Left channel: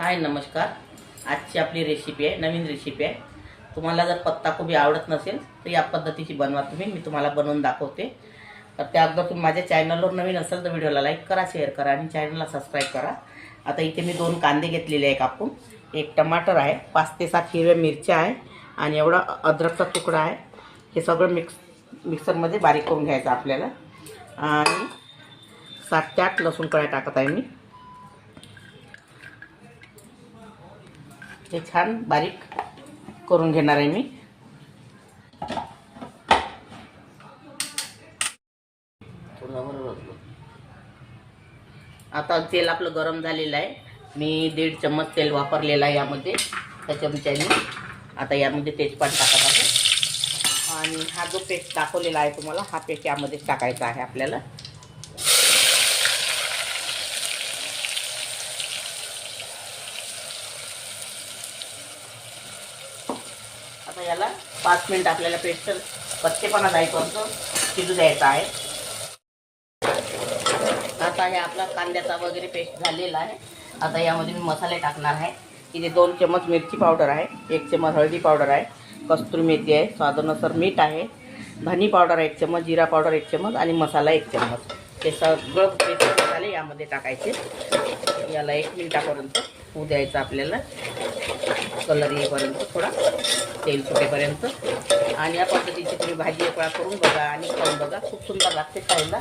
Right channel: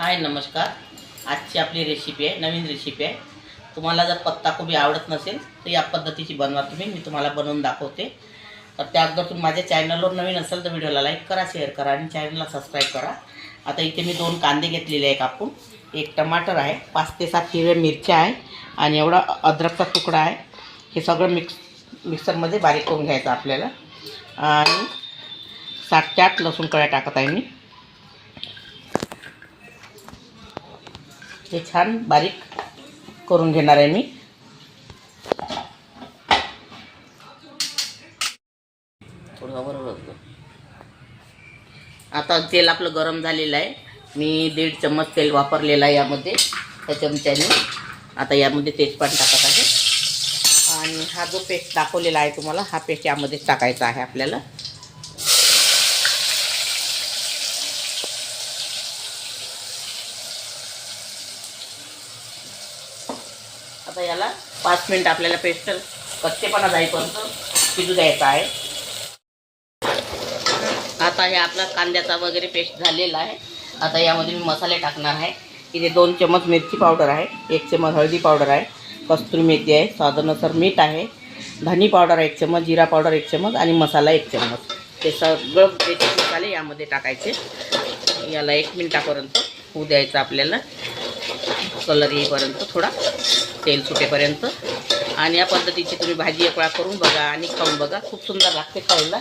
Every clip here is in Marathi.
हाय नमस्कार. आजची आपली रेसिपी आहे, नवीन रेसिपी आहे. तुम्हाला जर पत्ताकोबी आवडत नसेल तर या पद्धतीची बनवा तुम्ही. मी तुम्हाला बनवून दाखवते. तर त्या अगोदर तुम्ही माझ्या चॅनलवर नवीन असेल तर व्हिडिओला लाईक करा, शेअर करा आणि चॅनलला सबस्क्राईब करा. आता इथे मी 2 कांदे घेतलेले आहे कापून, 1 टमाटर आहे, 5 ते 7 हिरव्या मिरच्या आहे आणि एवढा अद्रकचा तुकडा आहे. हे सगळं मिक्सरमध्ये बारीक करून घ्यायचं आपल्याला. आणि 7 ते 8 लसूण कळ्या टाकत आहे मी. हे छान बारीक करून घेणार आहे मी. आता तेल आपलं गरम झालेलं आहे. मी 1.5 चम्मच तेल वापरलेलं आहे यामध्ये. त्या चमच्याने आता यामध्ये तेजपान टाकत आहे. आणि हा जो पेस्ट दाखवलेला आहे तुम्हाला, हा पेस्ट यामध्ये टाकायचा आहे आपल्याला. आता याला 5 मिनिट आपल्याला पेस्ट कच्चेपणा जाईपर्यंत शिजू द्यायचा आहे. आता हे आपला कांद्याचा वगैरे पेस्ट झालेला आहे. आता यामध्ये मी मसाले टाकणार आहे. इथे 2 चम्मच मिरची पावडर आहे, 1 चम्मच हळदी पावडर आहे, कस्तुरी मेथी आहे, स्वादानुसार मीठ आहे, धनी पावडर 1 चम्मच, जिरा पावडर 1 चम्मच आणि मसाला 1 चम्मच. ते सगळं बेसिक मसाले यामध्ये टाकायचे. याला 1 मिनिटापर्यंत होऊ द्यायचं आपल्याला, कलर येईपर्यंत, थोडा तेल सुटेपर्यंत. आणि या पद्धतीची तुम्ही भाजी एक वेळा करून बघा आणि खाऊन बघा, खूप सुंदर लागते खायला.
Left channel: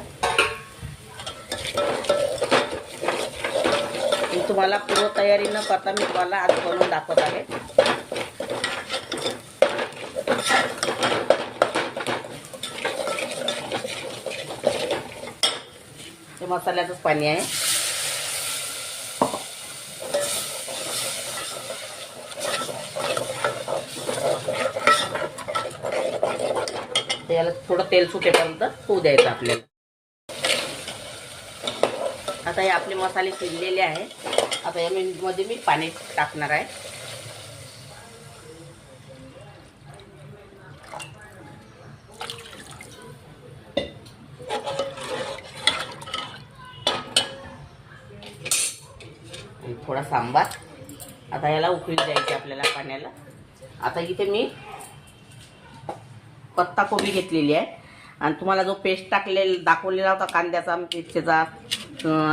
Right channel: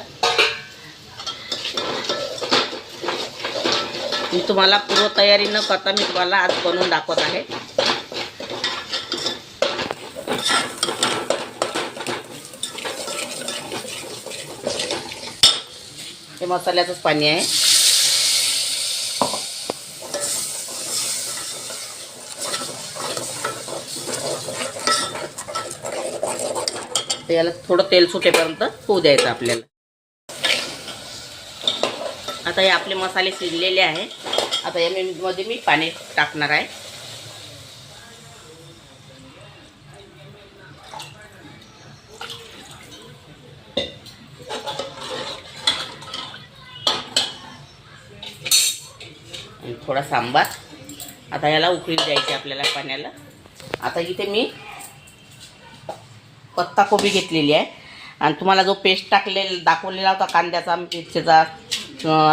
मी तुम्हाला पूर्वतयारी न करता मी तुम्हाला आज बनवून दाखवत आहे. हे मसाल्याचंच पाणी आहे. तर याला थोडं तेल सुटेपर्यंत होऊ द्यायचं आपल्याला. आता हे आपले मसाले शिजलेले आहे. आता यामध्ये मी पाणी टाकणार आहे. थोडा सांबार. आता याला उकळी द्यायची आपल्याला पाण्याला. आता इथे मी पत्ताकोबी घेतलेली आहे आणि तुम्हाला जो पेस्ट दाखवलेला होता कांद्याचा, मिरचीचा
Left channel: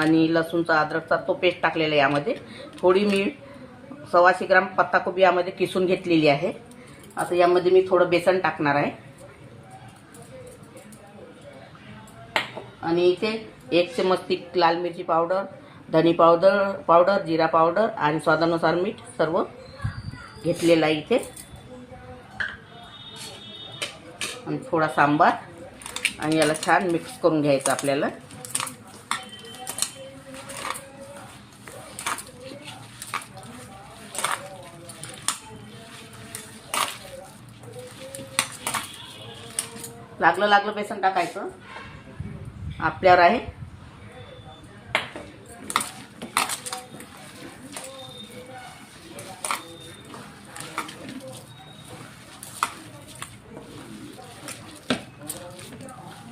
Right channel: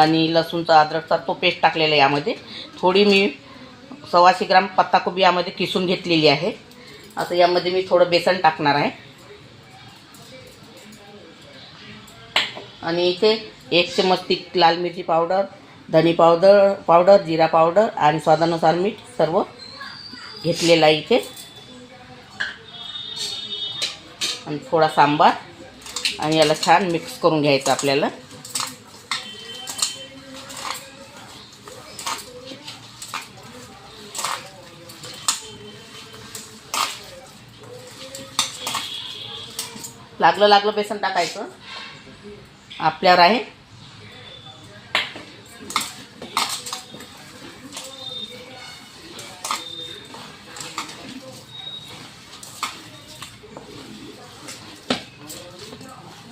आणि लसूणचा, अद्रकचा, तो पेस्ट टाकलेला आहे यामध्ये. थोडी मी 125 ग्राम पत्ताकोबी यामध्ये किसून घेतलेली आहे. आता यामध्ये मी थोडं बेसन टाकणार आहे. आणि इथे 1 चम्मच लाल मिरची पावडर, धनी पावडर, जिरा पावडर आणि स्वादानुसार मीठ सर्व घेतलेलं आहे इथे. आणि थोडा सांबार. आणि याला छान मिक्स करून घ्यायचं आपल्याला. लागलं बेसन टाकायचं आपल्यावर आहे.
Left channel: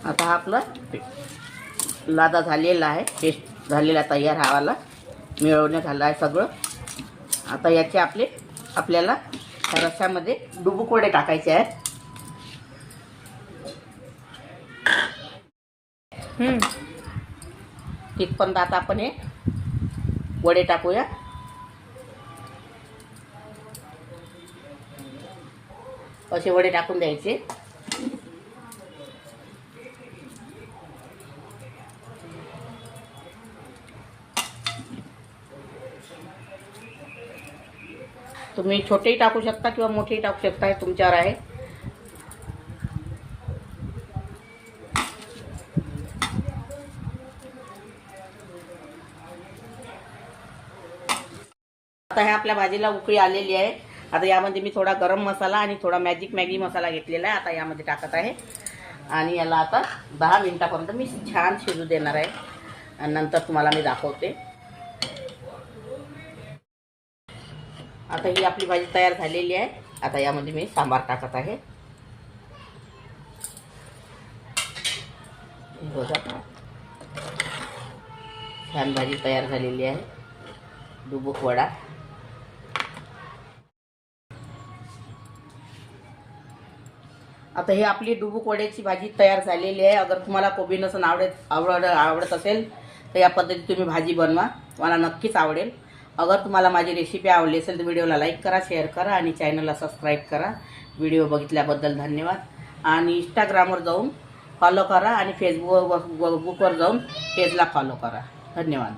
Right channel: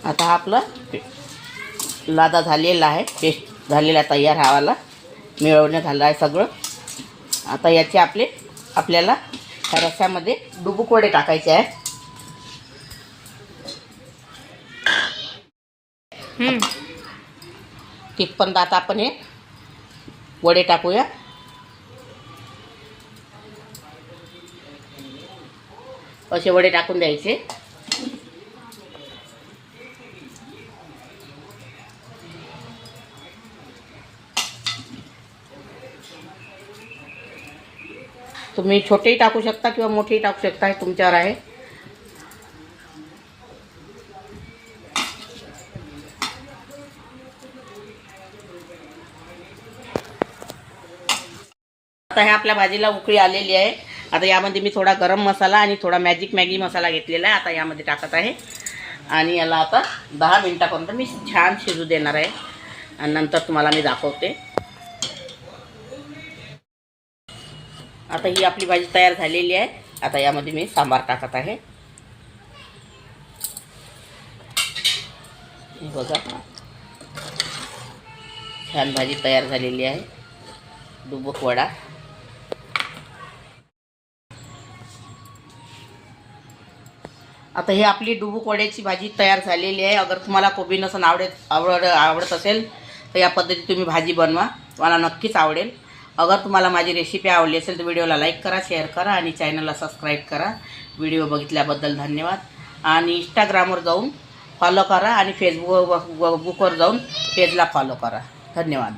आता हा आपला लादा झालेला आहे, पेस्ट झालेला तयार हवाला मिळवण्यात आला आहे सगळं. आता याचे आपल्याला रस्स्यामध्ये डुबुक वडे टाकायचे आहेत. तिथपर्यंत आता आपण हे वडे टाकूया. असे वडे टाकून द्यायचे. तुम्ही छोटेही टाकू शकता किंवा मोठेही टाकू शकता, हे तुमच्यावर आहे. आता हे आपल्या भाजीला उकळी आलेली आहे. आता यामध्ये मी थोडा गरम मसाला आणि थोडा मॅगी मसाला घेतलेला आहे. आता यामध्ये टाकत आहे. आणि याला आता 10 मिनिटापर्यंत मी छान शिजू देणार आहे आणि नंतर तुम्हाला मी दाखवते. आता ही आपली भाजी तयार झालेली आहे. आता यामध्ये मी सांबार टाकत आहे. बघा छान भाजी तयार झालेली आहे. डुबुक वडा आता हे आपली डुबुक वड्याची भाजी तयार झालेली आहे. अगर तुम्हाला कोबी नसन आवडत असेल तर या पद्धतीत तुम्ही भाजी बनवा, तुम्हाला नक्कीच आवडेल. अगर तुम्हाला माझी रेसिपी आवडली असेल तर व्हिडिओला लाईक करा, शेअर करा आणि चॅनलला सबस्क्राईब करा. व्हिडिओ बघितल्याबद्दल धन्यवाद. आणि इंस्टाग्रामवर जाऊन फॉलो करा आणि फेसबुकवर जाऊन पेजला फॉलो करा. धन्यवाद.